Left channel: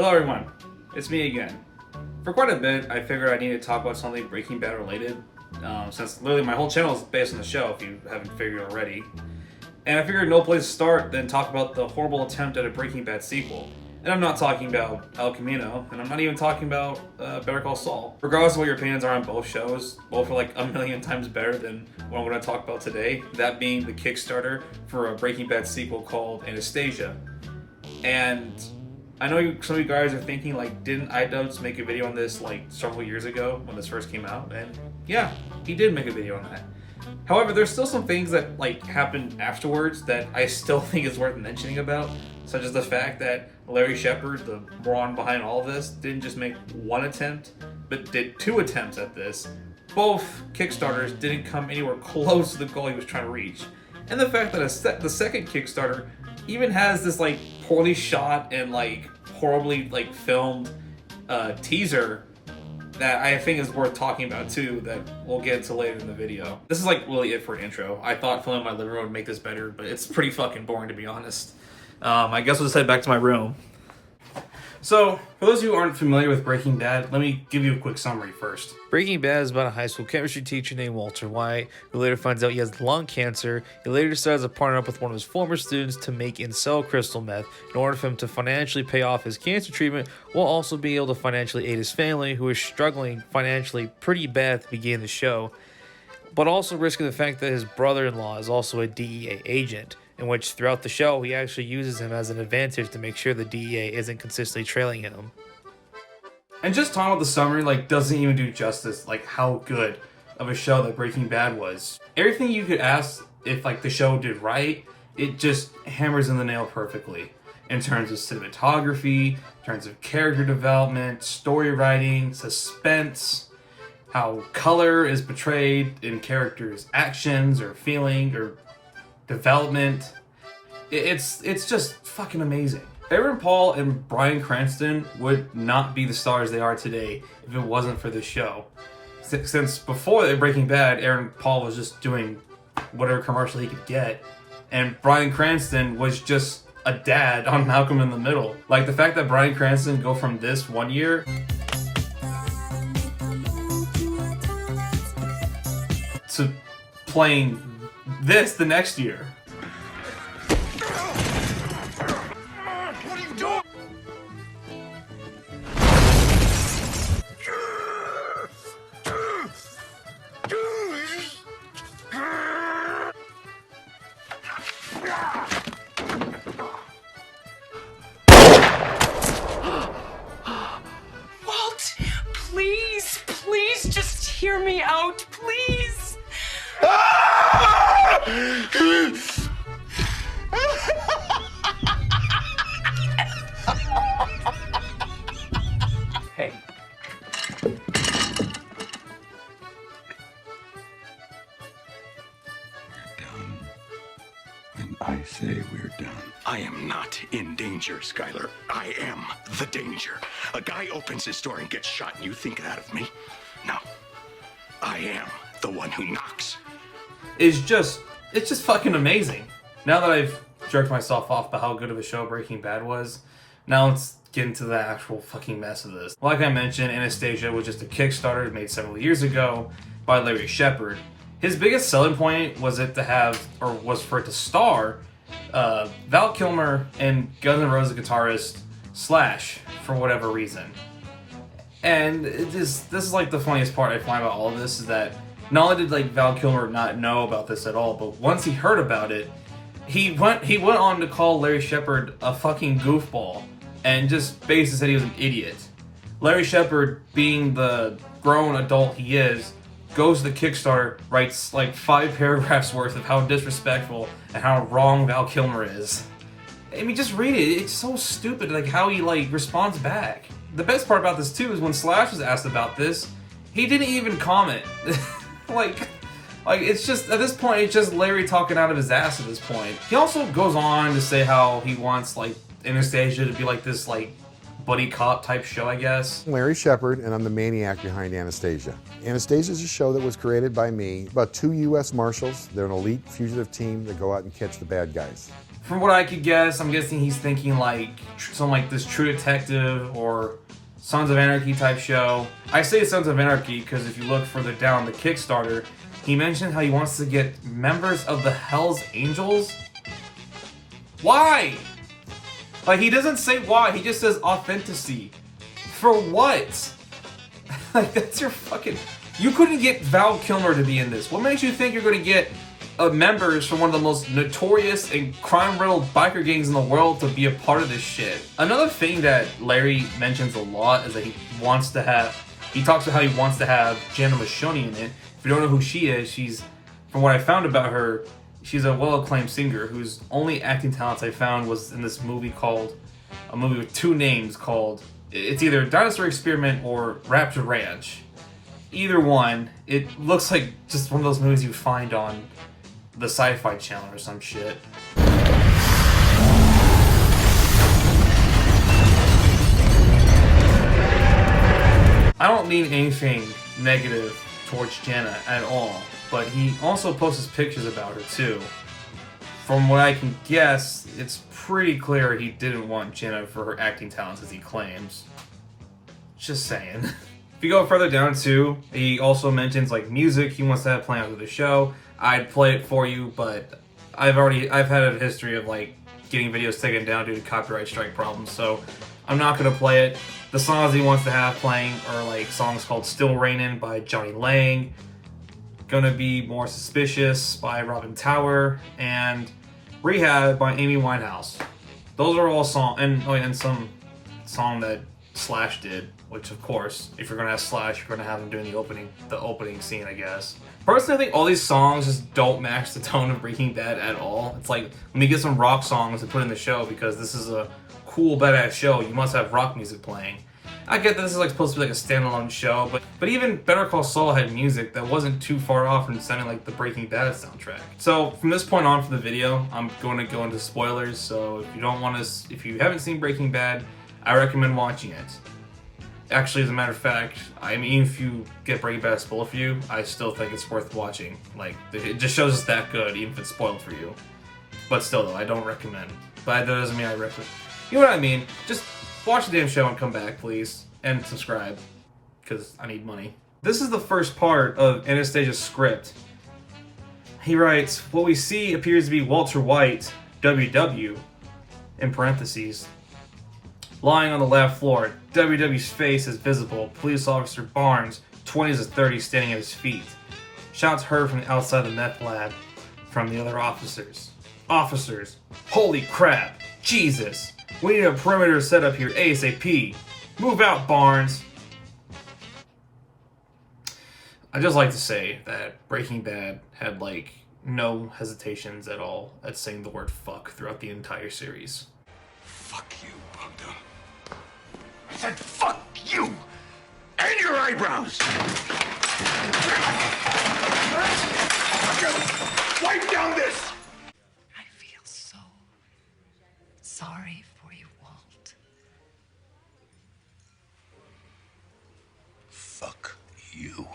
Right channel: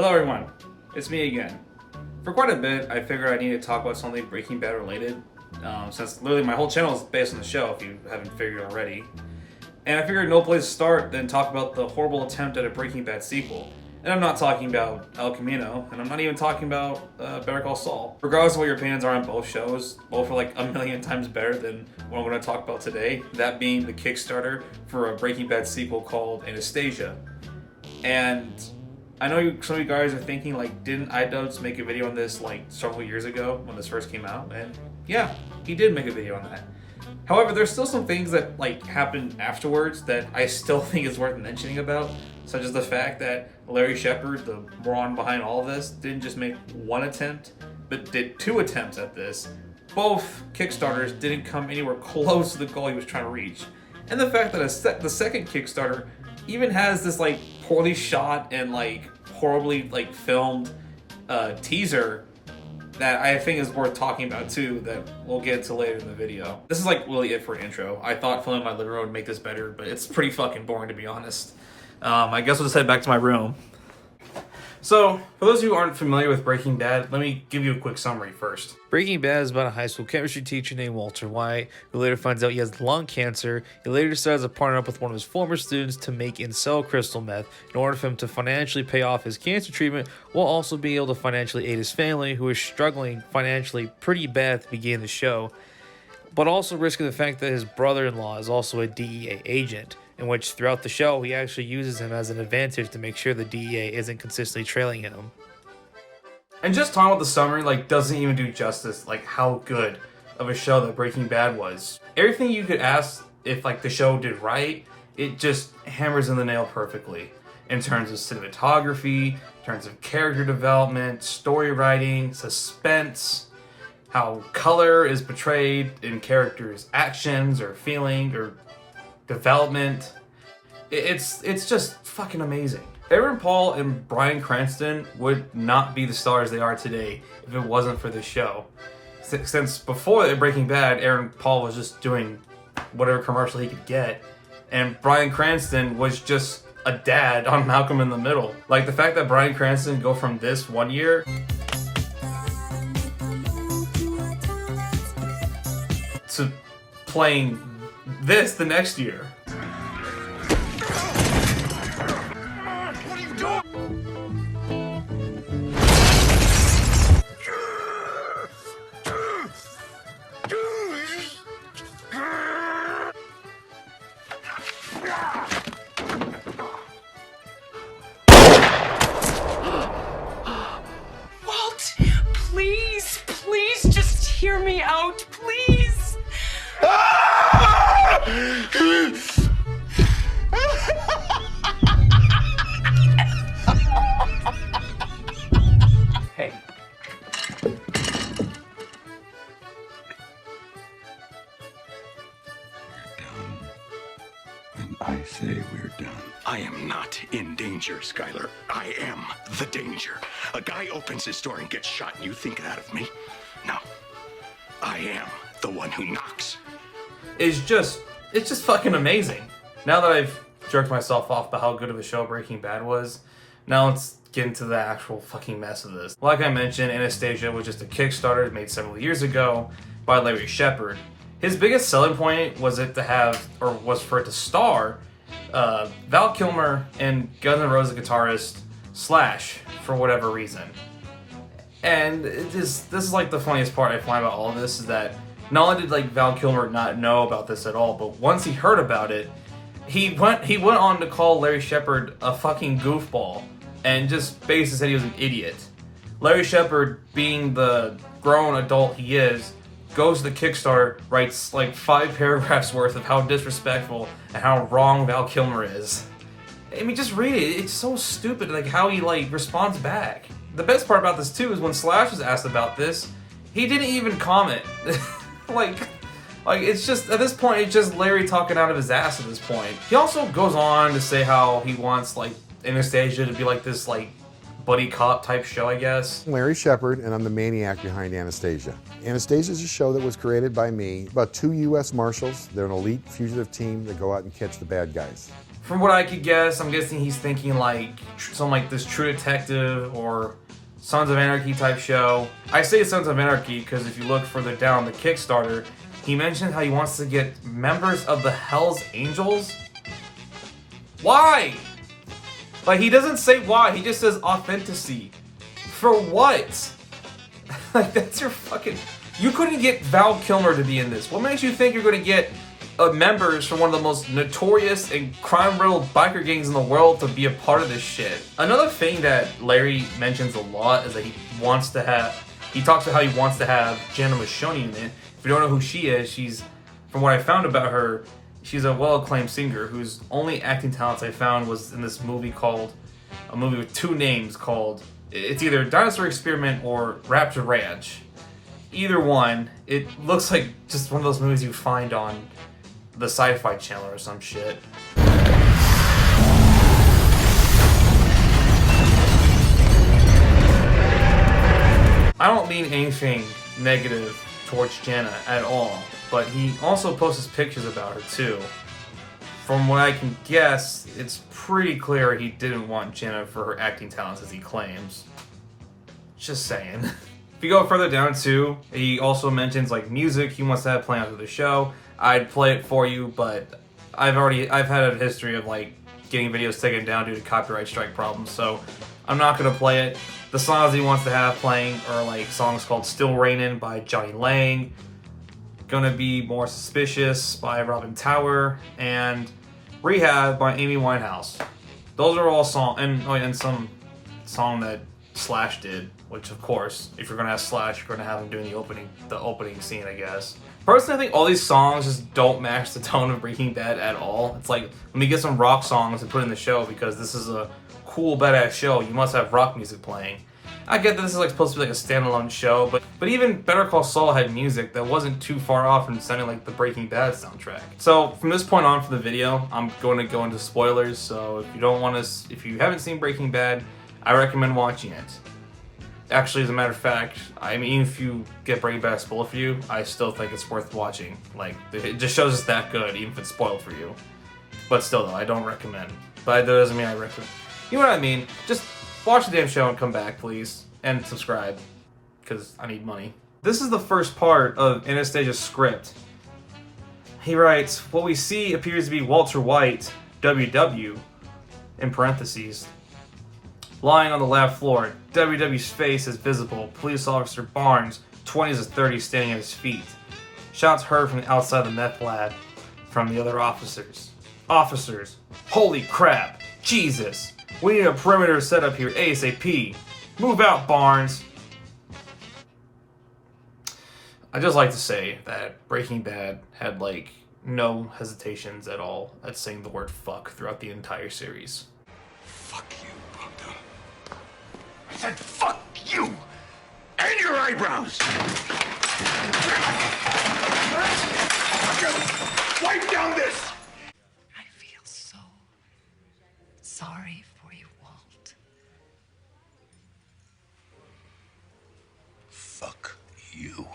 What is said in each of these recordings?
Hello everyone, it's me again. For quite a bit, I figured I need to talk about something Breaking Bad related, since literally my whole channel is based on the show, if you haven't figured already. And I figured no place to start than talk about the horrible attempt at a Breaking Bad sequel. And I'm not talking about El Camino, and I'm not even talking about Better Call Saul. Regardless of what your opinions are on both shows, both are like a million times better than what I'm going to talk about today, that being the Kickstarter for a Breaking Bad sequel called Anastasia. And I know some of you guys are thinking, like, didn't iDubbbz make a video on this like several years ago when this first came out? And yeah, he did make a video on that. However, there's still some things that like happened afterwards that I still think is worth mentioning about, such as the fact that Larry Shepard, the moron behind all of this, didn't just make one attempt, but did two attempts at this. Both Kickstarters didn't come anywhere close to the goal he was trying to reach. And the fact that the second Kickstarter even has this like poorly shot and like horribly like filmed teaser that I think is worth talking about too, that we'll get to later in the video. This is like really it for an intro. I thought filming my living room would make this better, but it's pretty fucking boring to be honest. I guess we'll just head back to my room. So, for those of you who aren't familiar with Breaking Bad, let me give you a quick summary first. Breaking Bad is about a high school chemistry teacher named Walter White, who later finds out he has lung cancer. He later decides to partner up with one of his former students to make and sell crystal meth in order for him to financially pay off his cancer treatment, while also being able to financially aid his family, who is struggling financially pretty bad at the beginning of the show, but also risking the fact that his brother-in-law is also a DEA agent, in which throughout the show he actually uses him as an advantage to make sure the DEA isn't consistently trailing him. And just talking about the summary like doesn't even do justice like how good of a show that Breaking Bad was. Everything you could ask if like the show did right, it just hammers in the nail perfectly. In terms of cinematography, in terms of character development, story writing, suspense, how color is portrayed in characters' actions or feeling or development. It's just fucking amazing. Aaron Paul and Bryan Cranston would not be the stars they are today if it wasn't for this show. Since before Breaking Bad, Aaron Paul was just doing whatever commercial he could get, and Bryan Cranston was just a dad on Malcolm in the Middle. Like the fact that Bryan Cranston go from this one year to playing this the next year. What are you doing? Walt, please just hear me out, please. Hey. When I say we're done. I am not in danger, Skyler. I am the danger. A guy opens his door and gets shot, and you think that of me? No. I am the one who knocks. It's just fucking amazing. Now that I've jerked myself off about how good of a show Breaking Bad was, now let's get into the actual fucking mess of this. Like I mentioned, Anastasia was just a Kickstarter made several years ago by Larry Shepard. His biggest selling point was for it to star Val Kilmer and Guns N' Roses guitarist Slash for whatever reason. And this is like the funniest part I find about all of this is that not only did like Val Kilmer not know about this at all, but once he heard about it, he went on to call Larry Shepard a fucking goofball and just basically said he was an idiot. Larry Shepard, being the grown adult he is, goes to the Kickstarter, writes like 5 paragraphs worth of how disrespectful and how wrong Val Kilmer is. I mean, just read it. It's so stupid, like how he like responds back. The best part about this too is when Slash was asked about this, he didn't even comment. like it's just, at this point, it's just Larry talking out of his ass at this point. He also goes on to say how he wants like Anastasia to be like this like buddy cop type show, I guess. Larry Shepard, and I'm the maniac behind Anastasia. Anastasia is a show that was created by me about 2 U.S. Marshals. They're an elite fugitive team that go out and catch the bad guys. From what I could guess, I'm guessing he's thinking like something like this True Detective or Sons of Anarchy type show. I say Sons of Anarchy because if you look further down the Kickstarter, he mentioned how he wants to get members of the Hells Angels. Why? Like, he doesn't say why, he just says authenticity. For what? Like, that's your fucking... You couldn't get Val Kilmer to be in this. What makes you think you're gonna get members from one of the most notorious and crime-riddled biker gangs in the world to be a part of this shit? Another thing that Larry mentions a lot is that he wants to have... He talks about how he wants to have Jana Mashoni in it. If you don't know who she is, she's... From what I found about her, she's a well-acclaimed singer whose only acting talents I found was in this movie called... A movie with two names called... It's either Dinosaur Experiment or Rapture Ranch. Either one, it looks like just one of those movies you find on the Sci-Fi Channel or some shit. I don't mean anything negative towards Jana at all, but he also posts pictures about her too. From what I can guess, it's pretty clear he didn't want Jana for her acting talents as he claims. Just saying. If you go further down too, he also mentions like music he wants to have playing after the show. I'd play it for you, but I've had a history of like getting videos taken down due to copyright strike problems, so I'm not gonna play it. The songs he wants to have playing are like songs called Still Rainin' by Johnny Lang, Gonna Be More Suspicious by Robin Tower, and Rehab by Amy Winehouse. Those are all songs, and some song that Slash did, which of course, if you're gonna have Slash, you're gonna have him doing the opening scene, I guess. Personally, I think all these songs just don't match the tone of Breaking Bad at all. It's like, let me get some rock songs to put in the show because this is a cool, badass show. You must have rock music playing. I get that this is like supposed to be like a standalone show, but even Better Call Saul had music that wasn't too far off from sounding like the Breaking Bad soundtrack. So from this point on for the video, I'm going to go into spoilers. So if you haven't seen Breaking Bad, I recommend watching it. Actually, as a matter of fact, I mean, if you get Breaking Bad spoiled for you, I still think it's worth watching. Like, it just shows it's that good, even if it's spoiled for you. But still, though, I don't recommend. But that doesn't mean I recommend. You know what I mean? Just watch the damn show and come back, please. And subscribe, because I need money. This is the first part of Anastasia's script. He writes, what we see appears to be Walter White, WW, in parentheses, lying on the lab floor. WW's face is visible. Police officer Barnes, 20s to 30s, standing at his feet. Shouts heard from outside the meth lab from the other officers. Officers, holy crap, Jesus. We need a perimeter set up here ASAP. Move out, Barnes. I'd just like to say that Breaking Bad had like no hesitations at all at saying the word fuck throughout the entire series. Fuck you, Bogdan. I said fuck you! And your eyebrows! Wipe down this! I feel so sorry for you, Walt. Fuck you.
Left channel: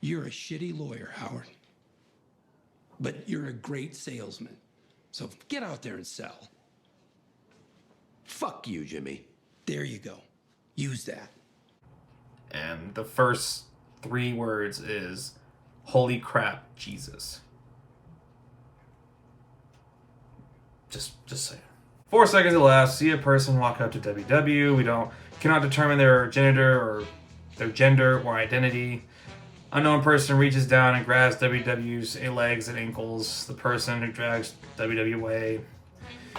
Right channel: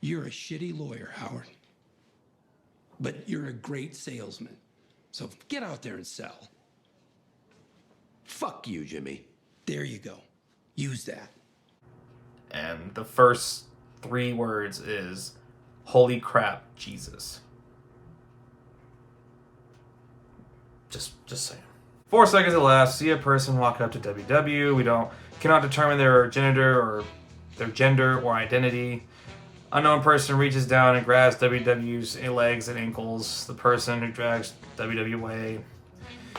You're a shitty lawyer, Howard. But you're a great salesman. So get out there and sell. Fuck you, Jimmy. There you go. Use that. And the first 3 words is, holy crap, Jesus. Just saying. 4 seconds elapsed. See a person walk up to WW. We cannot determine their gender or identity. Unknown person reaches down and grabs WW's legs and ankles. The person who drags WW away.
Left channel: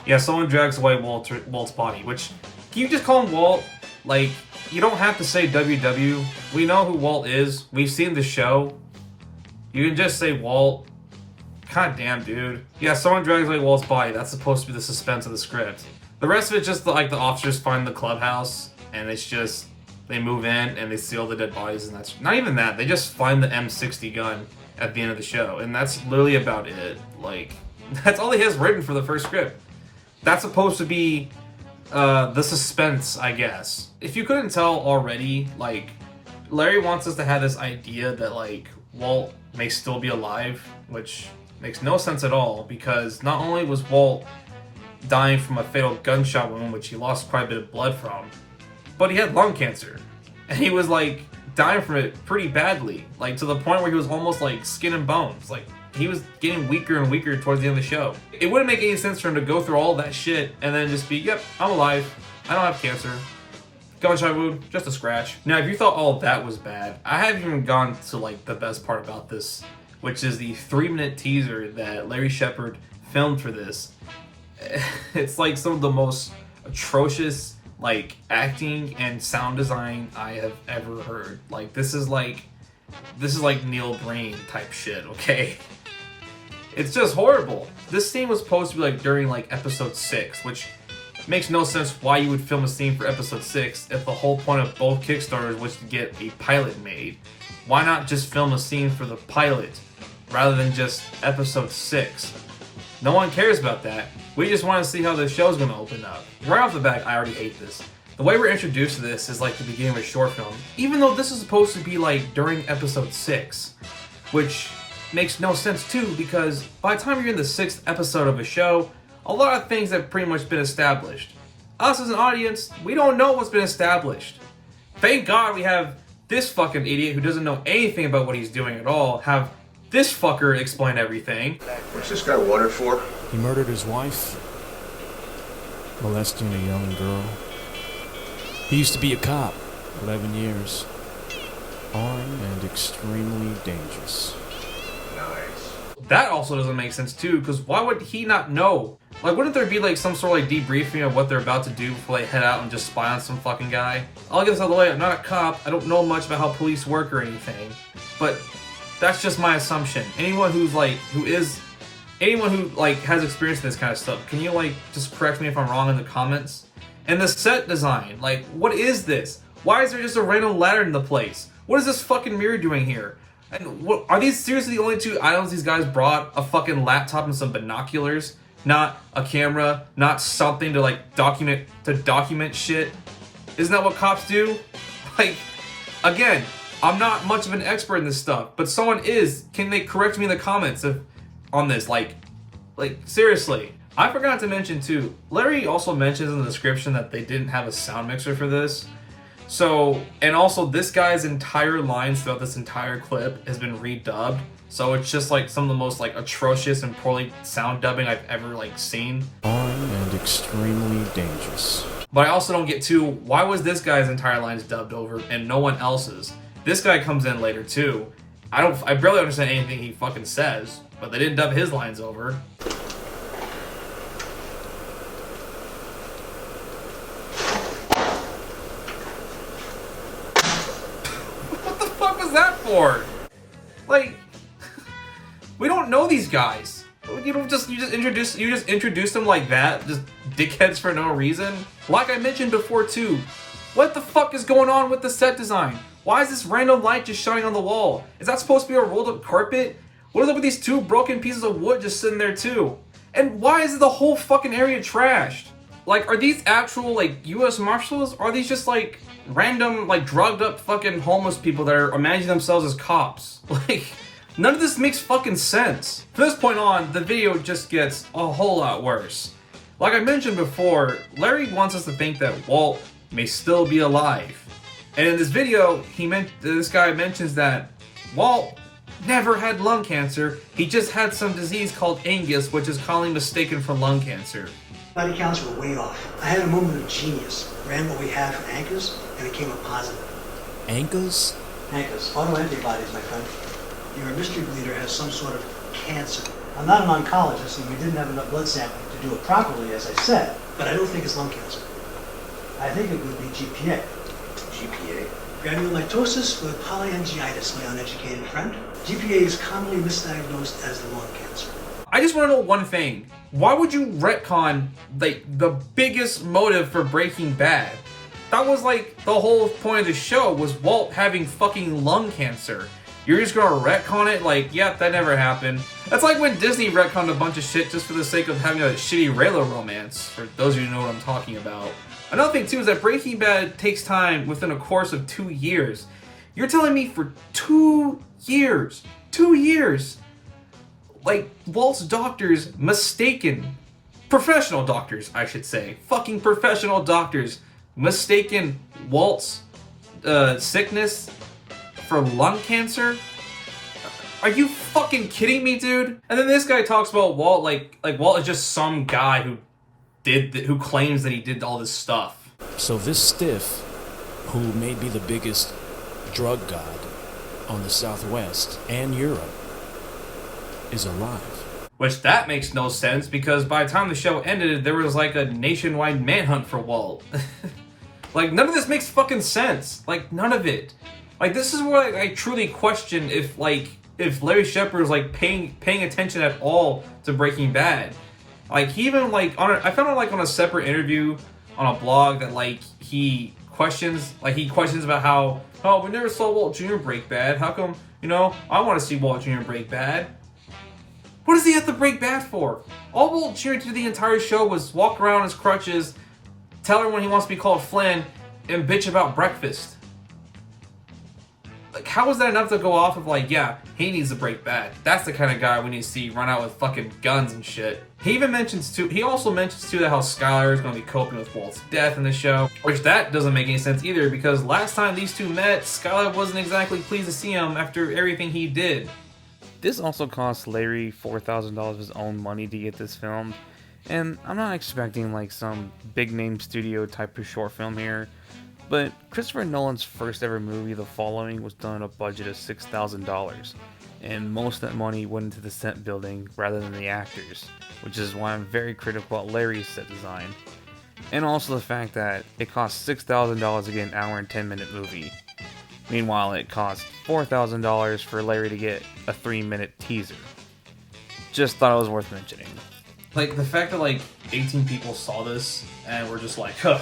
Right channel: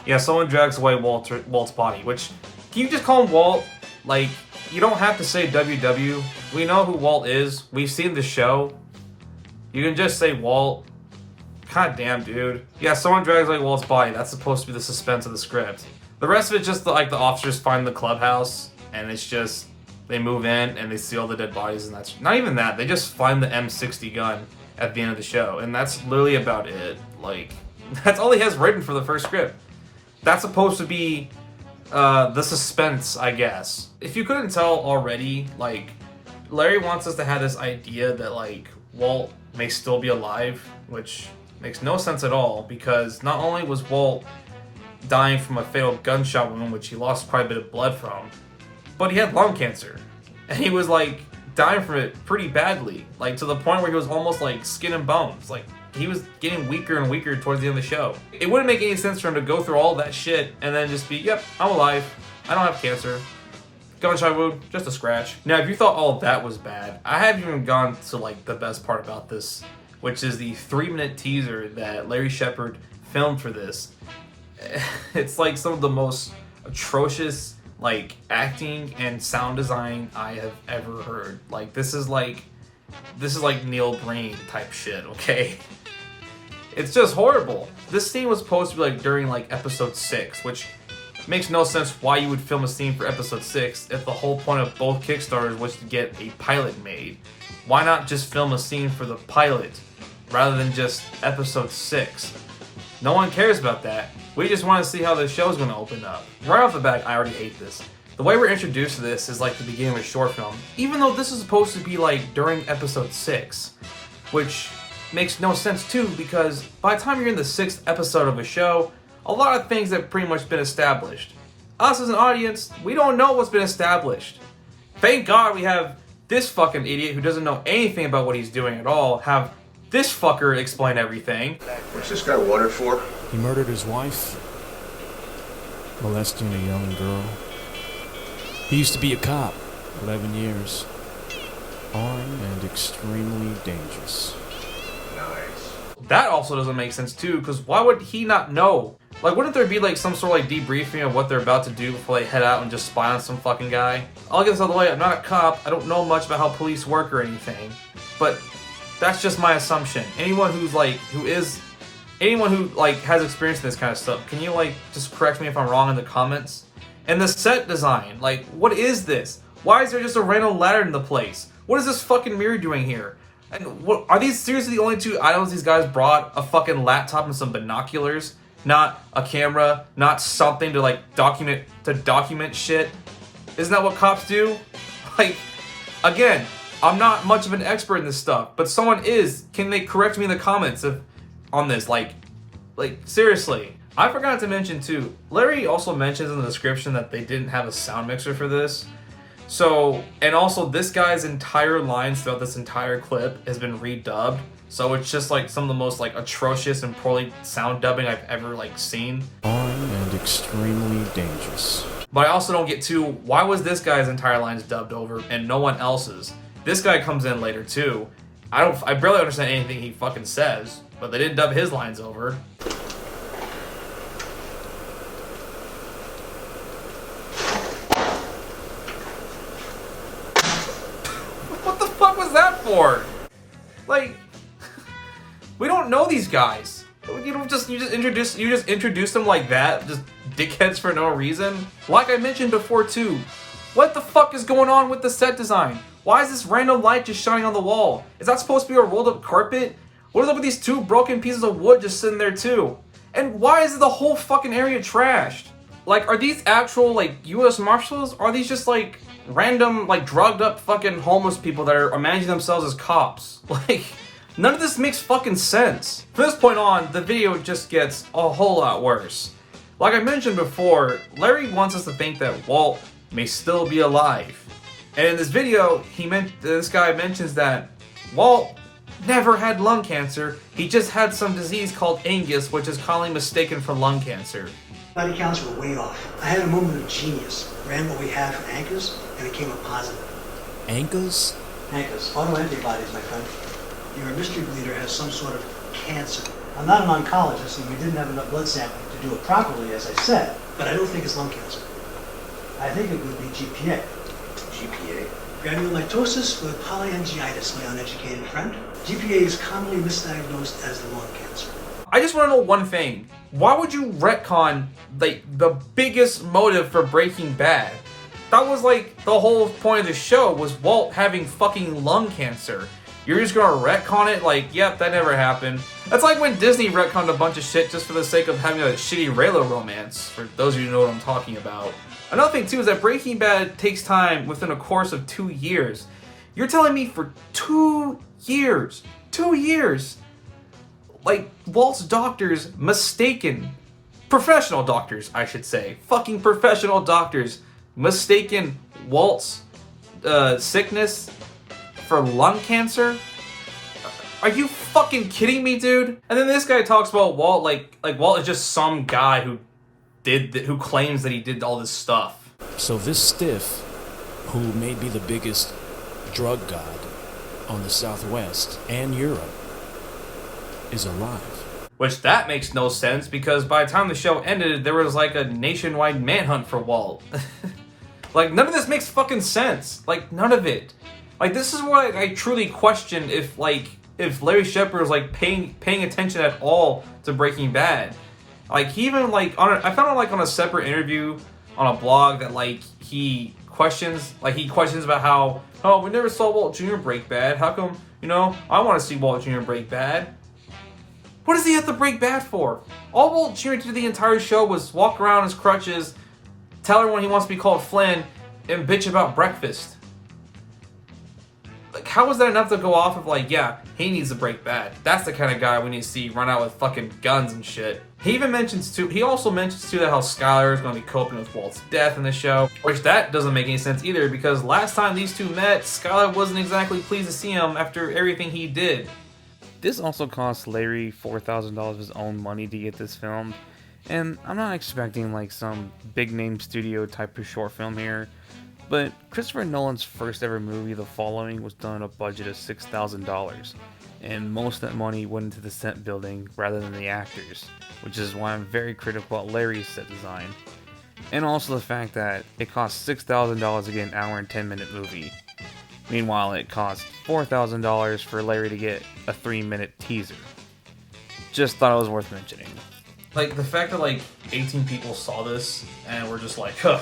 Yeah, someone drags away Walt's body, which, can you just call him Walt? Like, you don't have to say WW. We know who Walt is. We've seen the show. You can just say Walt. God damn, dude. Yeah, someone drags away Walt's body. That's supposed to be the suspense of the script. The rest of it's just like the officers find the clubhouse, and it's just, they move in and they see all the dead bodies, and that's not even that. They just find the M60 gun at the end of the show, and that's literally about it. Like, that's all he has written for the first script. That's supposed to be the suspense, I guess. If you couldn't tell already, like, Larry wants us to have this idea that, like, Walt may still be alive, which Makes no sense at all, because not only was Walt dying from a fatal gunshot wound, which he lost quite a bit of blood from, but he had lung cancer. And he was like dying from it pretty badly, like to the point where he was almost like skin and bones. Like he was getting weaker and weaker towards the end of the show. It wouldn't make any sense for him to go through all that shit and then just be, yep, I'm alive, I don't have cancer, gunshot wound, just a scratch. Now, if you thought all of that was bad, I haven't even gone to like the best part about this, which is the 3-minute teaser that Larry Shepard filmed for this. It's like some of the most atrocious like acting and sound design I have ever heard. Like this is like Neil Breen type shit, okay? It's just horrible. This scene was supposed to be like during like episode 6, which makes no sense why you would film a scene for episode 6 if the whole point of both Kickstarters was to get a pilot made. Why not just film a scene for the pilot rather than just episode 6? No one cares about that. We just want to see how the show's going to open up. Right off the bat, I already hate this. The way we're introduced to this is like the beginning of a short film, even though this is supposed to be like during episode 6, which makes no sense too, because by the time you're in the 6th episode of a show, a lot of things have pretty much been established. Us as an audience, we don't know what's been established. Thank God we have this fucking idiot who doesn't know anything about what he's doing at all have this fucker explain everything. What's this guy wanted for? He murdered his wife, molesting a young girl. He used to be a cop, 11 years. Armed and extremely dangerous. Nice. That also doesn't make sense too, because why would he not know? Like, wouldn't there be like some sort of like debriefing of what they're about to do before they head out and just spy on some fucking guy? I'll get this out of the way, I'm not a cop, I don't know much about how police work or anything, but that's just my assumption. Anyone who has experience in this kind of stuff, can you like just correct me if I'm wrong in the comments? And the set design, like, what is this? Why is there just a random ladder in the place? What is this fucking mirror doing here? And what are these seriously the only 2 items these guys brought? A fucking laptop and some binoculars, not a camera, not something to like document shit. Isn't that what cops do? Like, again, I'm not much of an expert in this stuff, but someone is. Can they correct me in the comments on this? Like seriously. I forgot to mention too, Larry also mentions in the description that they didn't have a sound mixer for this. So, and also this guy's entire lines throughout this entire clip has been redubbed. So it's just like some of the most like atrocious and poorly sound dubbing I've ever like seen. Armed and extremely dangerous. But I also don't get to, why was this guy's entire lines dubbed over and no one else's? This guy comes in later too. I barely understand anything he fucking says, but they didn't dub his lines over. What the fuck was that for? Like, we don't know these guys. You just introduce them like that, just dickheads for no reason. Like I mentioned before too, what the fuck is going on with the set design? Why is this random light just shining on the wall? Is that supposed to be a rolled up carpet? What is up with these 2 broken pieces of wood just sitting there too? And why is the whole fucking area trashed? Like, are these actual like US Marshals? Or are these just like random like drugged up fucking homeless people that are imagining themselves as cops? Like, none of this makes fucking sense. From this point on, the video just gets a whole lot worse. Like I mentioned before, Larry wants us to think that Walt may still be alive. And in this video, this guy mentions that Walt never had lung cancer, he just had some disease called Angus, which is commonly mistaken for lung cancer. Body counts were way off. I had a moment of genius. Ran what we had from ANCAs, and it came up positive. ANCAs? ANCAs, autoantibodies, my friend. Your mystery bleeder has some sort of cancer. I'm not an oncologist, and we didn't have enough blood sampling to do it properly, as I said, but I don't think it's lung cancer. I think it would be GPA. GPA? Granulomatosis with polyangiitis, my uneducated friend. GPA is commonly misdiagnosed as lung cancer. I just want to know one thing. Why would you retcon the biggest motive for Breaking Bad? That was like the whole point of the show, was Walt having fucking lung cancer. You're just gonna retcon it like, yep, that never happened. That's like when Disney retconned a bunch of shit just for the sake of having a shitty Raylo romance, for those of you who know what I'm talking about. Another thing too is that Breaking Bad takes time within a course of 2 years. You're telling me for 2 years, like, Walt's doctors mistaken, professional doctors, I should say, fucking professional doctors, mistaken Walt's sickness for lung cancer? Are you fucking kidding me, dude? And then this guy talks about Walt like Walt is just some guy who claims that he did all this stuff. So this stiff, who may be the biggest drug god on the Southwest and Europe, is alive. Which that makes no sense, because by the time the show ended, there was like a nationwide manhunt for Walt. Like, none of this makes fucking sense. Like, none of it. Like, this is what I truly question if Larry Shepard was like paying attention at all to Breaking Bad. Like, he even like I found out like on a separate interview on a blog that like he questions about how, oh, we never saw Walt Jr. break bad. How come, I want to see Walt Jr. break bad. What does he have to break bad for? All Walt Jr. did the entire show was walk around his crutches, tell everyone he wants to be called Flynn, and bitch about breakfast. Like, how is that enough to go off of like, yeah, he needs to break bad. That's the kind of guy we need to see run out with fucking guns and shit. He also mentions too that how Skyler is going to be coping with Walt's death in the show, which that doesn't make any sense either, because last time these two met, Skyler wasn't exactly pleased to see him after everything he did. This also cost Larry $4,000 of his own money to get this filmed, and I'm not expecting like some big name studio type of short film here. But Christopher Nolan's first ever movie, The Following, was done on a budget of $6,000, and most of that money went into the set building rather than the actors, which is why I'm very critical about Larry's set design. And also the fact that it cost $6,000 to get an hour and 10-minute movie. Meanwhile, it cost $4,000 for Larry to get a 3-minute teaser. Just thought it was worth mentioning. Like, the fact that like 18 people saw this and were just like, huh,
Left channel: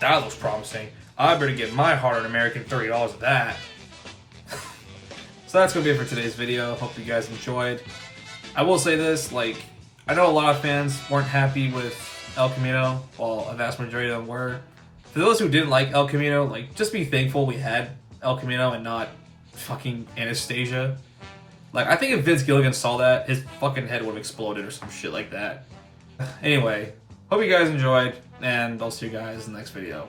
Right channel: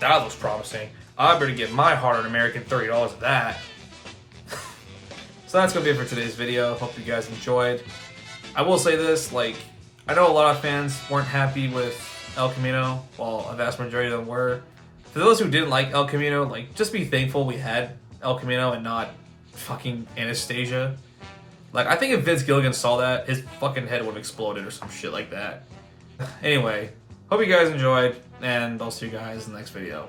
that looks promising. I better get my hard-earned American $30 of that. So that's going to be it for today's video. Hope you guys enjoyed. I will say this, like, I know a lot of fans weren't happy with El Camino, while a vast majority of them were. For those who didn't like El Camino, like, just be thankful we had El Camino and not fucking Anastasia. Like, I think if Vince Gilligan saw that, his fucking head would have exploded or some shit like that. Anyway, hope you guys enjoyed, and I'll see you guys in the next video.